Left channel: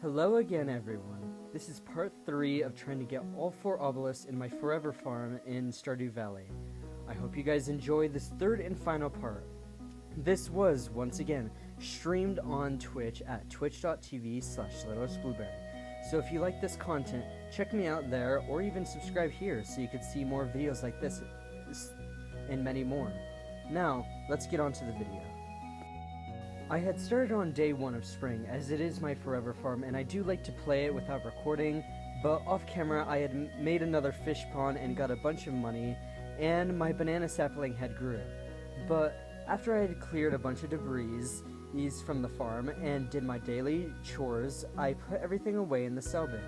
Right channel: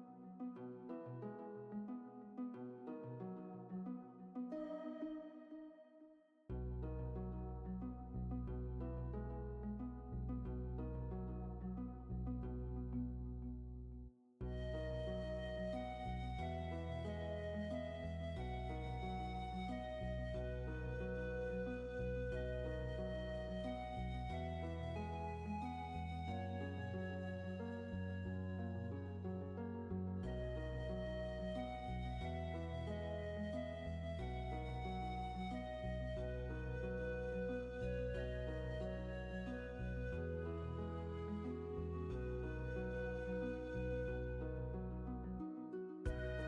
Hello again, everyone. This is part 3 of trying to get all 4 obelisks in my forever farm in Stardew Valley. I hope you guys enjoy this third and final part. This was, once again, streamed on Twitch at twitch.tv/littleestblueberry. So if you like this content, check me out there or even subscribe here so you can see more videos like this and many more. Now, let's get on to the video. I had started on day 1 of spring, as it is my forever farm, and I do like to play it without recording, but off camera I had made another fish pond and got a bunch of money, and my banana sapling had grew. But after I had cleared a bunch of debris from the farm and did my daily chores, I put everything away in the cell bin.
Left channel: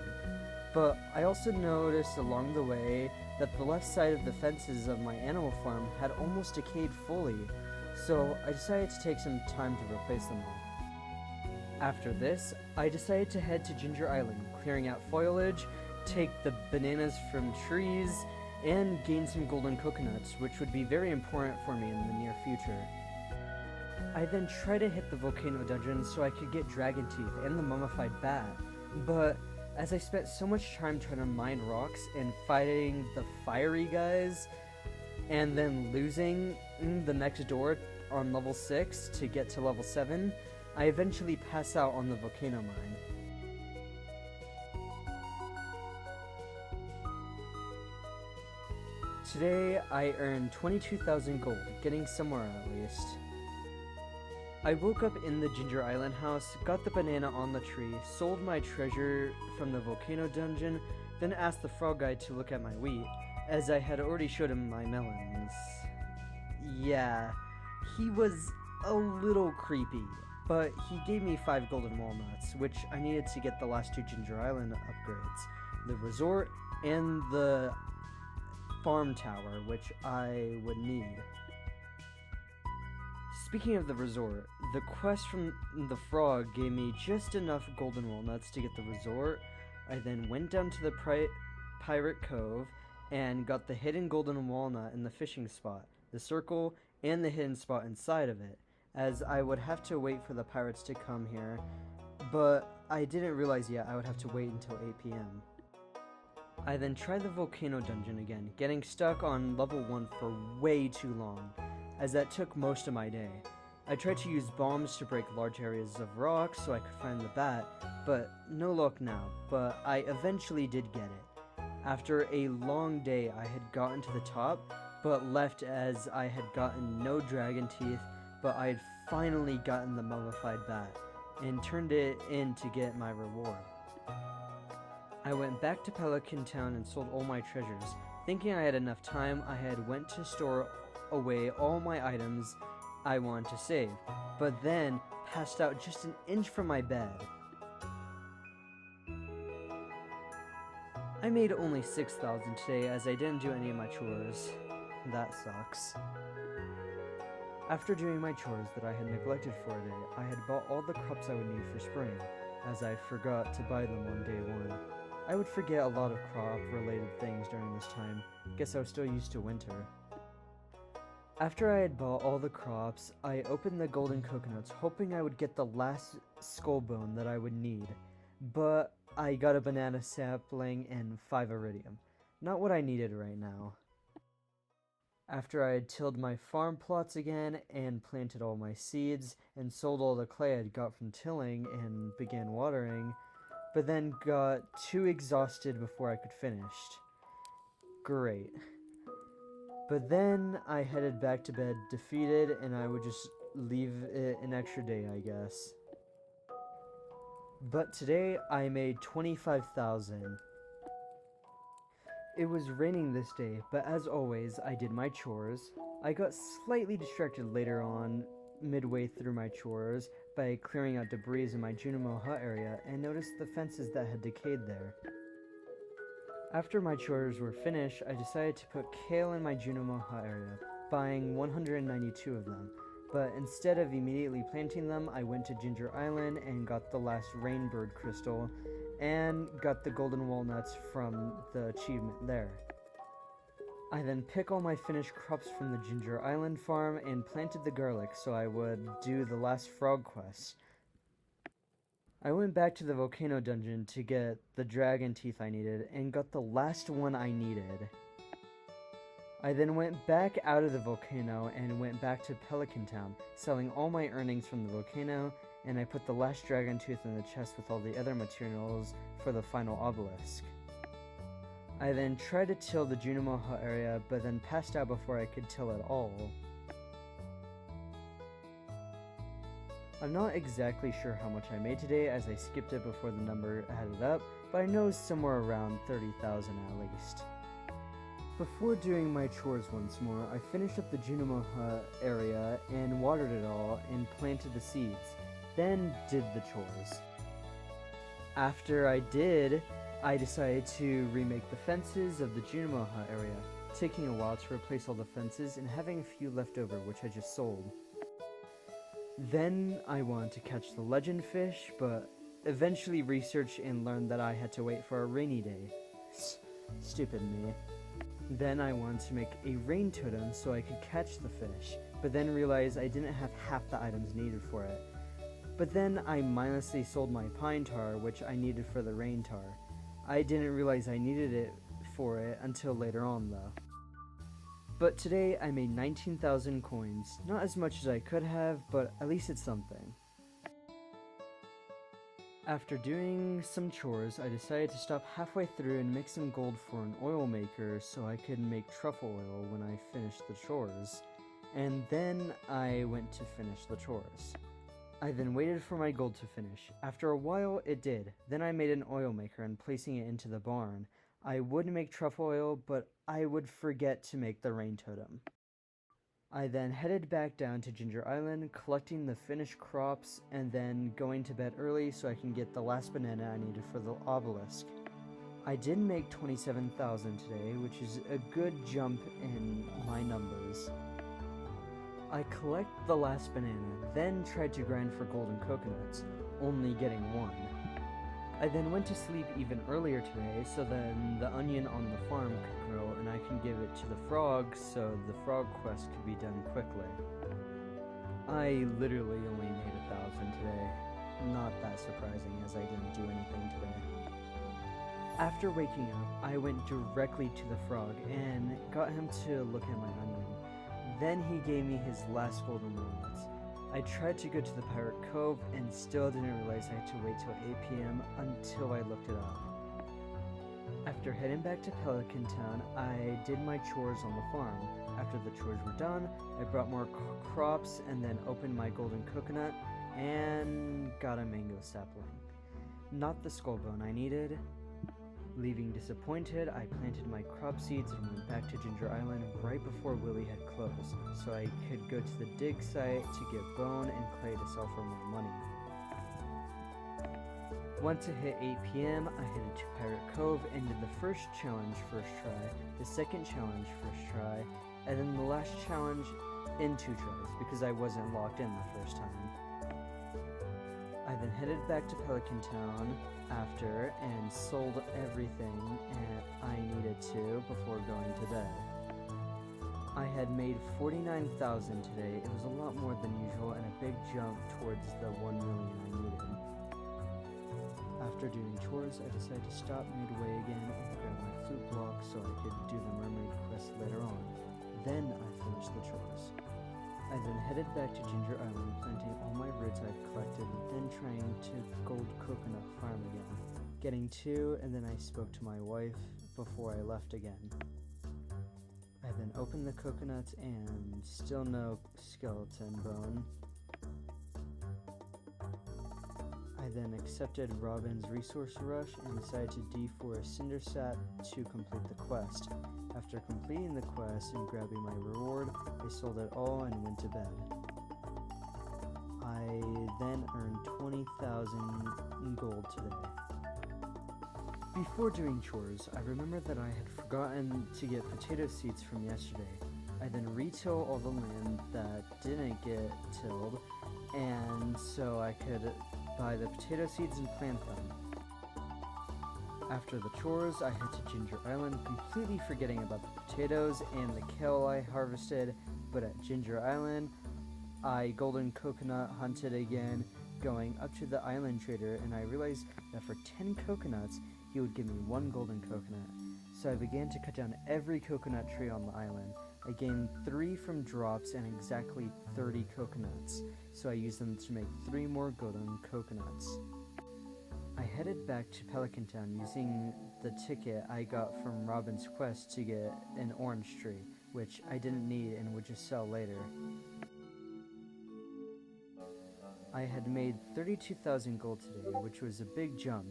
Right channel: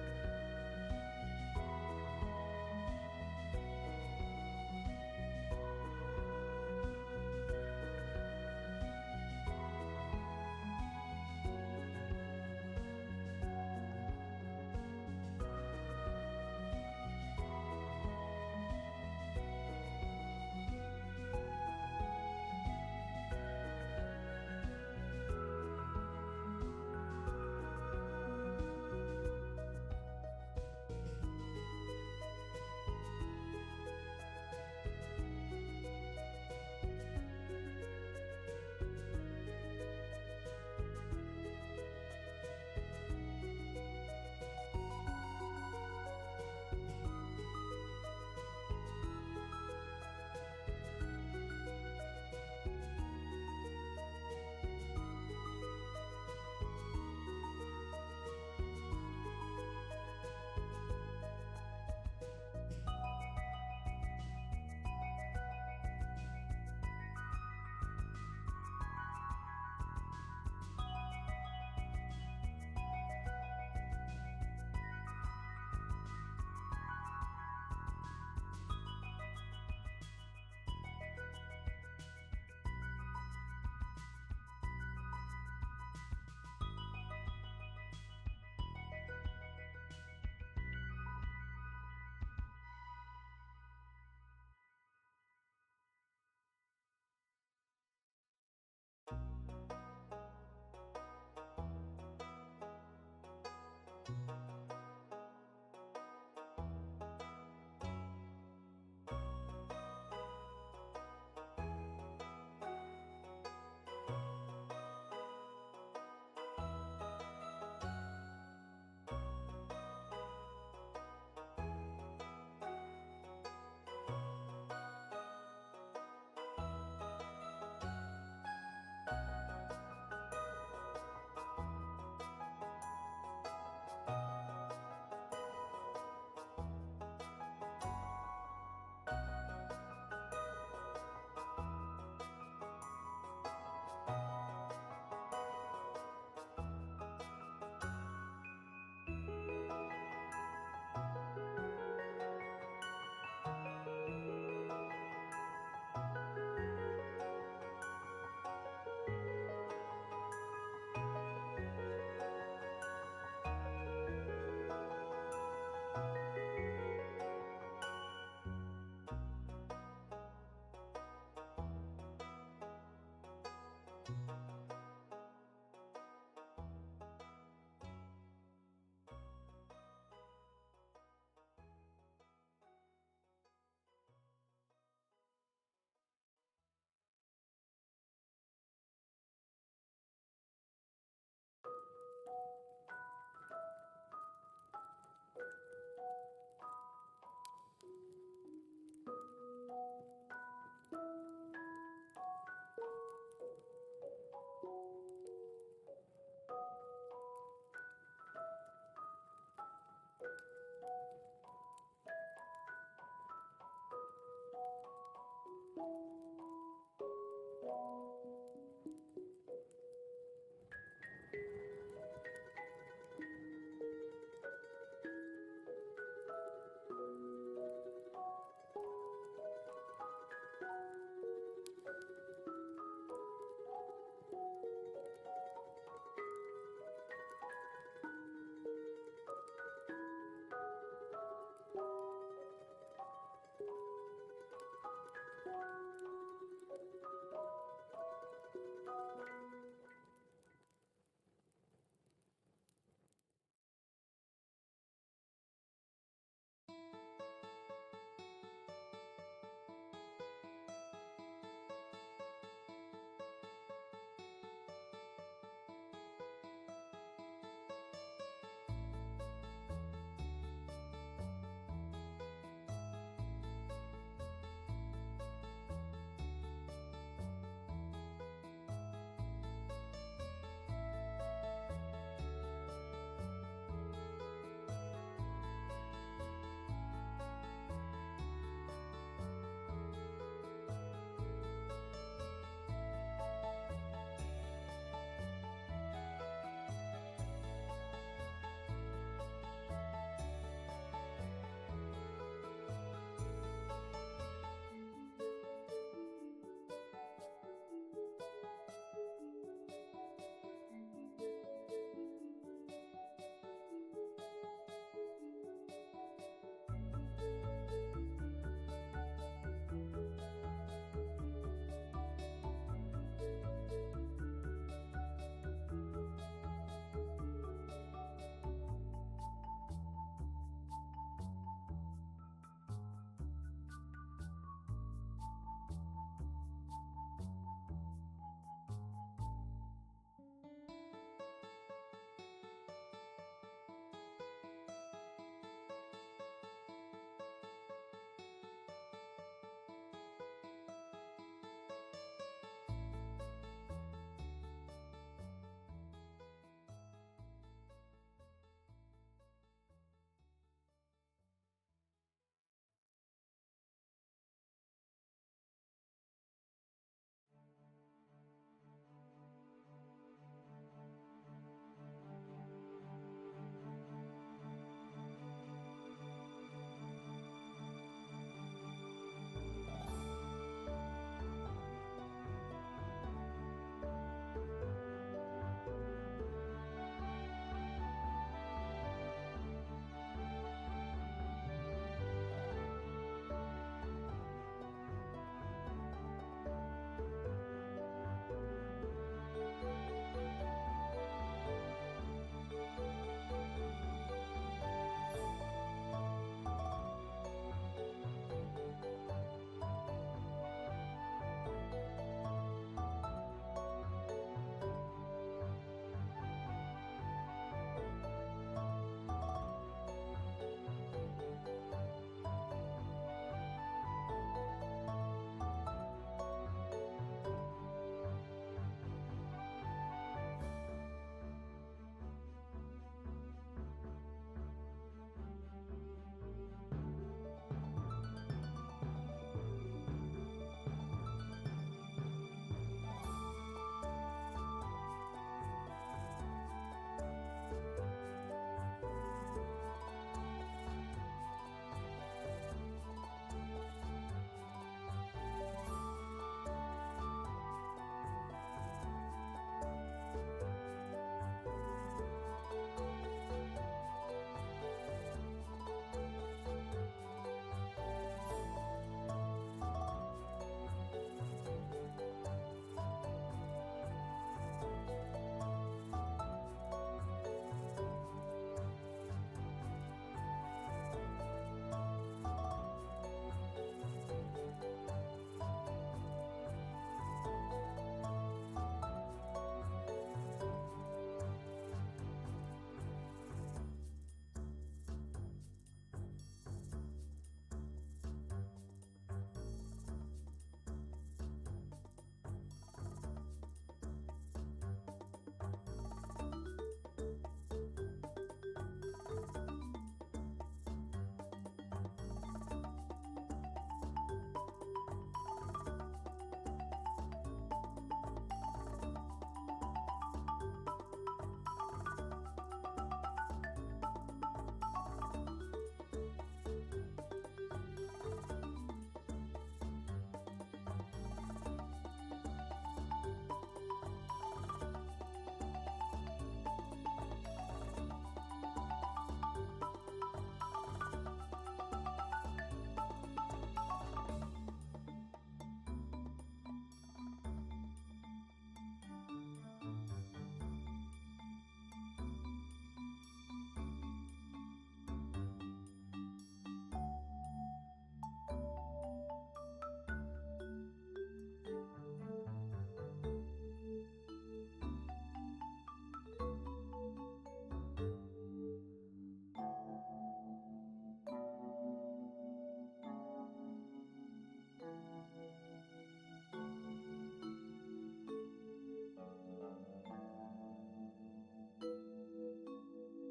But I also noticed along the way that the left side of the fences of my animal farm had almost decayed fully, so I decided to take some time to replace them all. After this, I decided to head to Ginger Island, clearing out foliage, take the bananas from trees, and gain some golden coconuts, which would be very important for me in the near future. I then tried to hit the volcano dungeon so I could get dragon teeth and the mummified bat, but as I spent so much time trying to mine rocks and fighting the fiery guys, and then losing the next door on level 6 to get to level 7, I eventually pass out on the volcano mine. Today I earned 22,000 gold, getting somewhere at least. I woke up in the Ginger Island house, got the banana on the tree, sold my treasure from the volcano dungeon, then asked the frog guy to look at my wheat, as I had already showed him my melons. Yeah, he was a little creepy, but he gave me 5 golden walnuts, which I needed to get the last 2 Ginger Island upgrades, the resort and the farm tower, which I would need. Speaking of the resort, the quest from the frog gave me just enough golden walnuts to get the resort. I then went down to the pirate cove and got the hidden golden walnut in the fishing spot, the circle, and the hidden spot inside of it, as I would have to wait for the pirates to come here, but I didn't realize yet I would have to wait until 8 p.m. I then tried the volcano dungeon again, getting stuck on level 1 for way too long, as that took most of my day. I tried to use bombs to break large areas of rock so I could find the bat, but no luck now, but I eventually did get it. After a long day, I had gotten to the top, but left as I had gotten no dragon teeth, but I had finally gotten the mummified bat, and turned it in to get my reward. I went back to Pelican Town and sold all my treasures. Thinking I had enough time, I had went to store away all my items I wanted to save, but then passed out just an inch from my bed. I made only 6,000 today as I didn't do any of my chores. That sucks. After doing my chores that I had neglected for a day, I had bought all the crops I would need for spring, as I forgot to buy them on day 1. I would forget a lot of crop-related things during this time. Guess I was still used to winter. After I had bought all the crops, I opened the golden coconuts, hoping I would get the last skull bone that I would need. But I got a banana sapling and 5 iridium. Not what I needed right now. After I had tilled my farm plots again and planted all my seeds and sold all the clay I had got from tilling and began watering, but then got too exhausted before I could finish. Great. But then I headed back to bed defeated, and I would just leave it an extra day, I guess. But today I made 25,000. It was raining this day, but as always, I did my chores. I got slightly distracted later on, midway through my chores, by clearing out debris in my Junimo hut area, and noticed the fences that had decayed there. After my chores were finished, I decided to put kale in my Junimo hut area, buying 192 of them. But instead of immediately planting them, I went to Ginger Island and got the last rainbird crystal, and got the golden walnuts from the achievement there. I then picked all my finished crops from the Ginger Island farm and planted the garlic so I would do the last frog quest. I went back to the volcano dungeon to get the dragon teeth I needed and got the last one I needed. I then went back out of the volcano and went back to Pelican Town, selling all my earnings from the volcano, and I put the last dragon tooth in the chest with all the other materials for the final obelisk. I then tried to till the Junimo Hut area, but then passed out before I could till at all. I'm not exactly sure how much I made today as I skipped it before the number added up, but I know it's somewhere around 30,000 at least. Before doing my chores once more, I finished up the Junimo Hut area and watered it all and planted the seeds, then did the chores. After I did, I decided to remake the fences of the Junimo Hut area, taking a while to replace all the fences and having a few left over which I just sold. Then I wanted to catch the legend fish, but eventually researched and learned that I had to wait for a rainy day. Stupid me. Then I wanted to make a rain totem so I could catch the fish, but then realized I didn't have half the items needed for it. But then I mindlessly sold my pine tar, which I needed for the rain tar. I didn't realize I needed it for it until later on though. But today I made 19,000 coins. Not as much as I could have, but at least it's something. After doing some chores, I decided to stop halfway through and make some gold for an oil maker so I could make truffle oil when I finished the chores. And then I went to finish the chores. I then waited for my gold to finish. After a while, it did. Then I made an oil maker and placing it into the barn. I would make truffle oil, but I would forget to make the rain totem. I then headed back down to Ginger Island, collecting the finished crops, and then going to bed early so I can get the last banana I needed for the obelisk. I did make 27,000 today, which is a good jump in my numbers. I collect the last banana, then tried to grind for golden coconuts, only getting one. I then went to sleep even earlier today so then the onion on the farm could grow and I can give it to the frog so the frog quest could be done quickly. I literally only made 1,000 today. Not that surprising as I didn't do anything today. After waking up, I went directly to the frog and got him to look at my onion. Then he gave me his last golden moments. I tried to go to the Pirate Cove and still didn't realize I had to wait till 8 p.m. until I looked it up. After heading back to Pelican Town, I did my chores on the farm. After the chores were done, I brought more crops and then opened my golden coconut and got a mango sapling. Not the skull bone I needed. Leaving disappointed, I planted my crop seeds and went back to Ginger Island right before Willie had closed, so I could go to the dig site to get bone and clay to sell for more money. Once it hit 8 p.m., I headed to Pirate Cove and did the first challenge first try, the second challenge first try, and then the last challenge in 2 tries because I wasn't locked in the first time. I then headed back to Pelican Town after and sold everything I needed to before going to bed. I had made 49,000 today. It was a lot more than usual and a big jump towards the 1 million I needed. After doing chores, I decided to stop midway again and grab my flute block so I could do the mermaid quest later on. Then I finished the chores. I then headed back to Ginger Island, planting all my roots I'd collected and trying to gold coconut farm again. Getting 2, and then I spoke to my wife before I left again. I then opened the coconuts and still no skeleton bone. I then accepted Robin's resource rush and decided to D4 a cinder sap to complete the quest. After completing the quest and grabbing my reward, I sold it all and went to bed. I then earned 20,000 gold today. Before doing chores, I remembered that I had forgotten to get potato seeds from yesterday. I then retill all the land that didn't get tilled, and so I could buy the potato seeds and plant them. After the chores, I head to Ginger Island, completely forgetting about the potatoes and the kale I harvested, but at Ginger Island, I golden coconut hunted again, kept going up to the island trader, and I realized that for 10 coconuts, he would give me 1 golden coconut. So I began to cut down every coconut tree on the island. I gained 3 from drops and exactly 30 coconuts, so I used them to make 3 more golden coconuts. I headed back to Pelican Town using the ticket I got from Robin's quest to get an orange tree, which I didn't need and would just sell later. I had made 32,000 gold today, which was a big jump.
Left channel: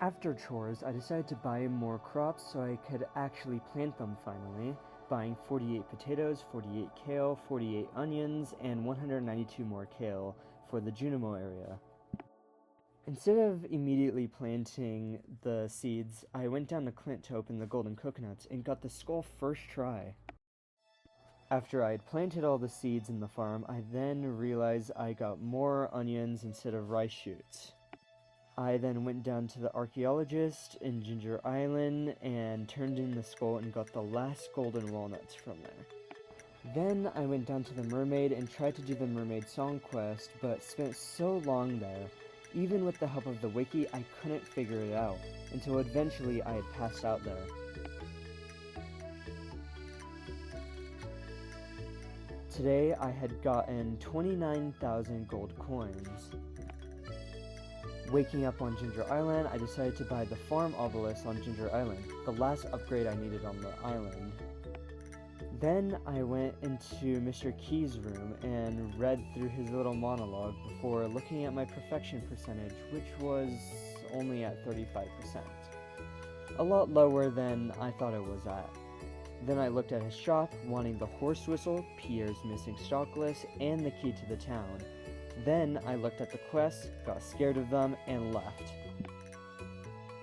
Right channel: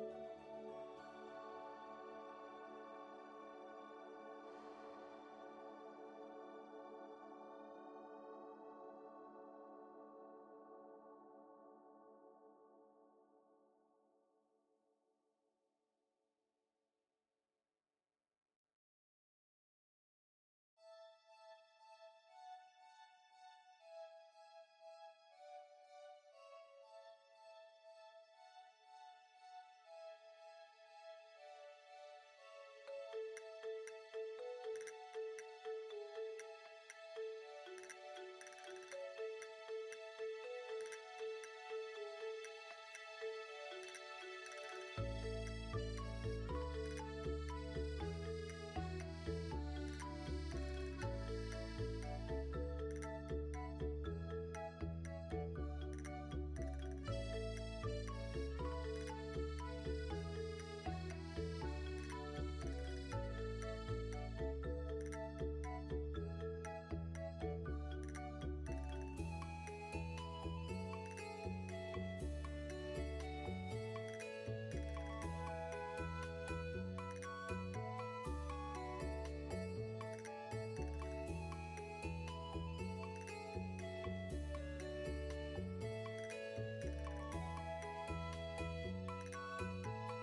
After chores, I decided to buy more crops so I could actually plant them finally, buying 48 potatoes, 48 kale, 48 onions, and 192 more kale for the Junimo area. Instead of immediately planting the seeds, I went down to Clint to open the golden coconuts and got the skull first try. After I had planted all the seeds in the farm, I then realized I got more onions instead of rice shoots. I then went down to the archaeologist in Ginger Island and turned in the skull and got the last golden walnuts from there. Then I went down to the mermaid and tried to do the mermaid song quest, but spent so long there. Even with the help of the wiki, I couldn't figure it out, until eventually I had passed out there. Today I had gotten 29,000 gold coins. Waking up on Ginger Island, I decided to buy the farm obelisk on Ginger Island, the last upgrade I needed on the island. Then I went into Mr. Key's room and read through his little monologue before looking at my perfection percentage, which was only at 35%. A lot lower than I thought it was at. Then I looked at his shop, wanting the horse whistle, Pierre's missing stock list, and the key to the town. Then I looked at the quests, got scared of them, and left.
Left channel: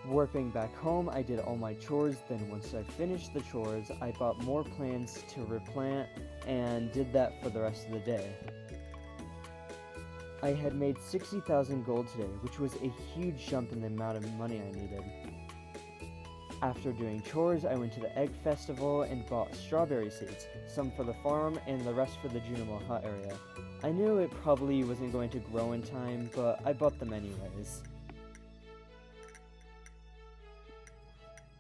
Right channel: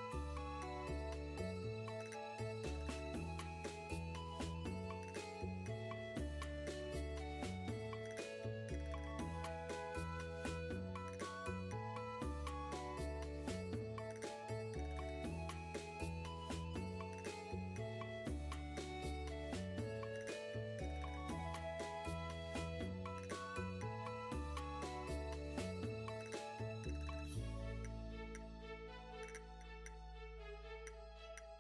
Warping back home, I did all my chores, then once I finished the chores, I bought more plants to replant, and did that for the rest of the day. I had made 60,000 gold today, which was a huge jump in the amount of money I needed. After doing chores, I went to the egg festival and bought strawberry seeds, some for the farm and the rest for the Junimo hut area. I knew it probably wasn't going to grow in time, but I bought them anyways.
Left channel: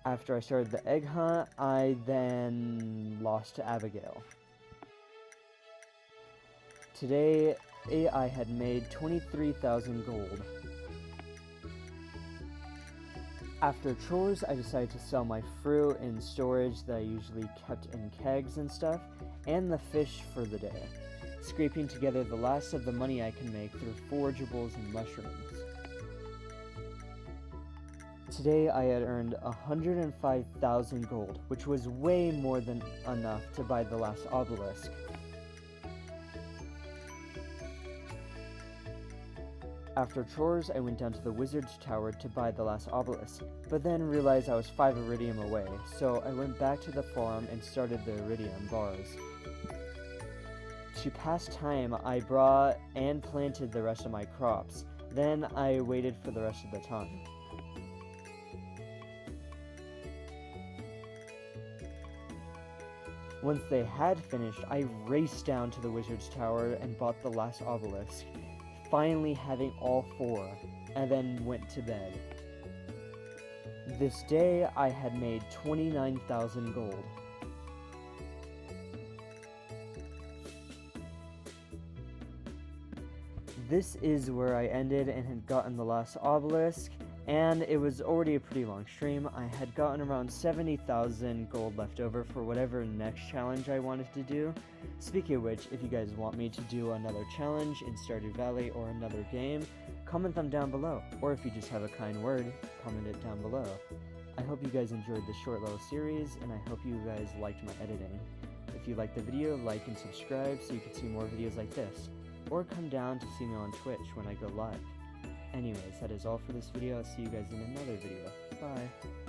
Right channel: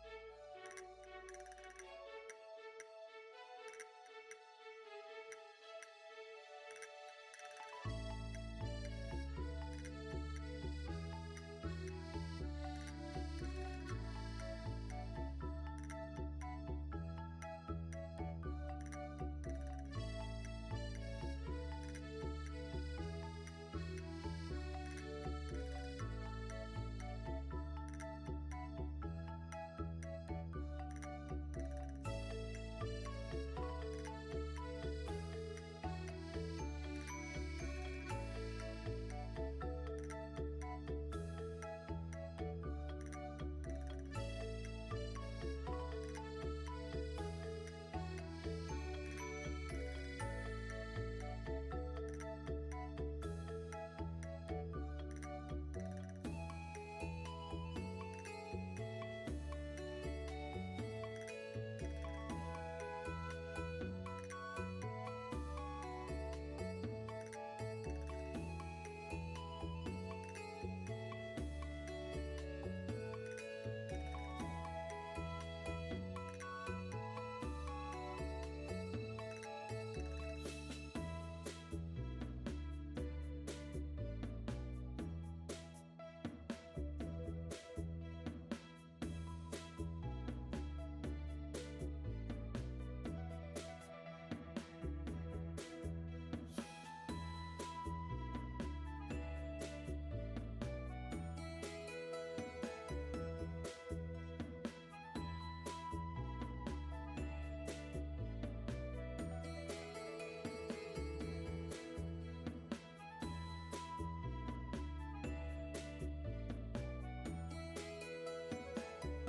After I started the egg hunt, I then lost to Abigail. Today, I had made 23,000 gold. After chores, I decided to sell my fruit and storage that I usually kept in kegs and stuff, and the fish for the day, scraping together the last of the money I can make through forageables and mushrooms. Today I had earned 105,000 gold, which was way more than enough to buy the last obelisk. After chores, I went down to the wizard's tower to buy the last obelisk, but then realized I was 5 iridium away, so I went back to the farm and started the iridium bars. To pass time, I brought and planted the rest of my crops. Then I waited for the rest of the time. Once they had finished, I raced down to the wizard's tower and bought the last obelisk, finally having all 4, and then went to bed. This day, I had made 29,000 gold. This is where I ended and had gotten the last obelisk, and it was already a pretty long stream. I had gotten around 70,000 gold left over for whatever next challenge I wanted to do. Speaking of which, if you guys want me to do another challenge in Stardew Valley or another game, comment them down below. Or if you just have a kind word, comment it down below. I hope you guys enjoyed this short little series, and I hope you guys liked my editing. If you liked the video, like and subscribe so you can see more videos like this. Or come down to see me on Twitch when I go live. Anyways, that is all for this video. I'll see you guys in another video. Bye!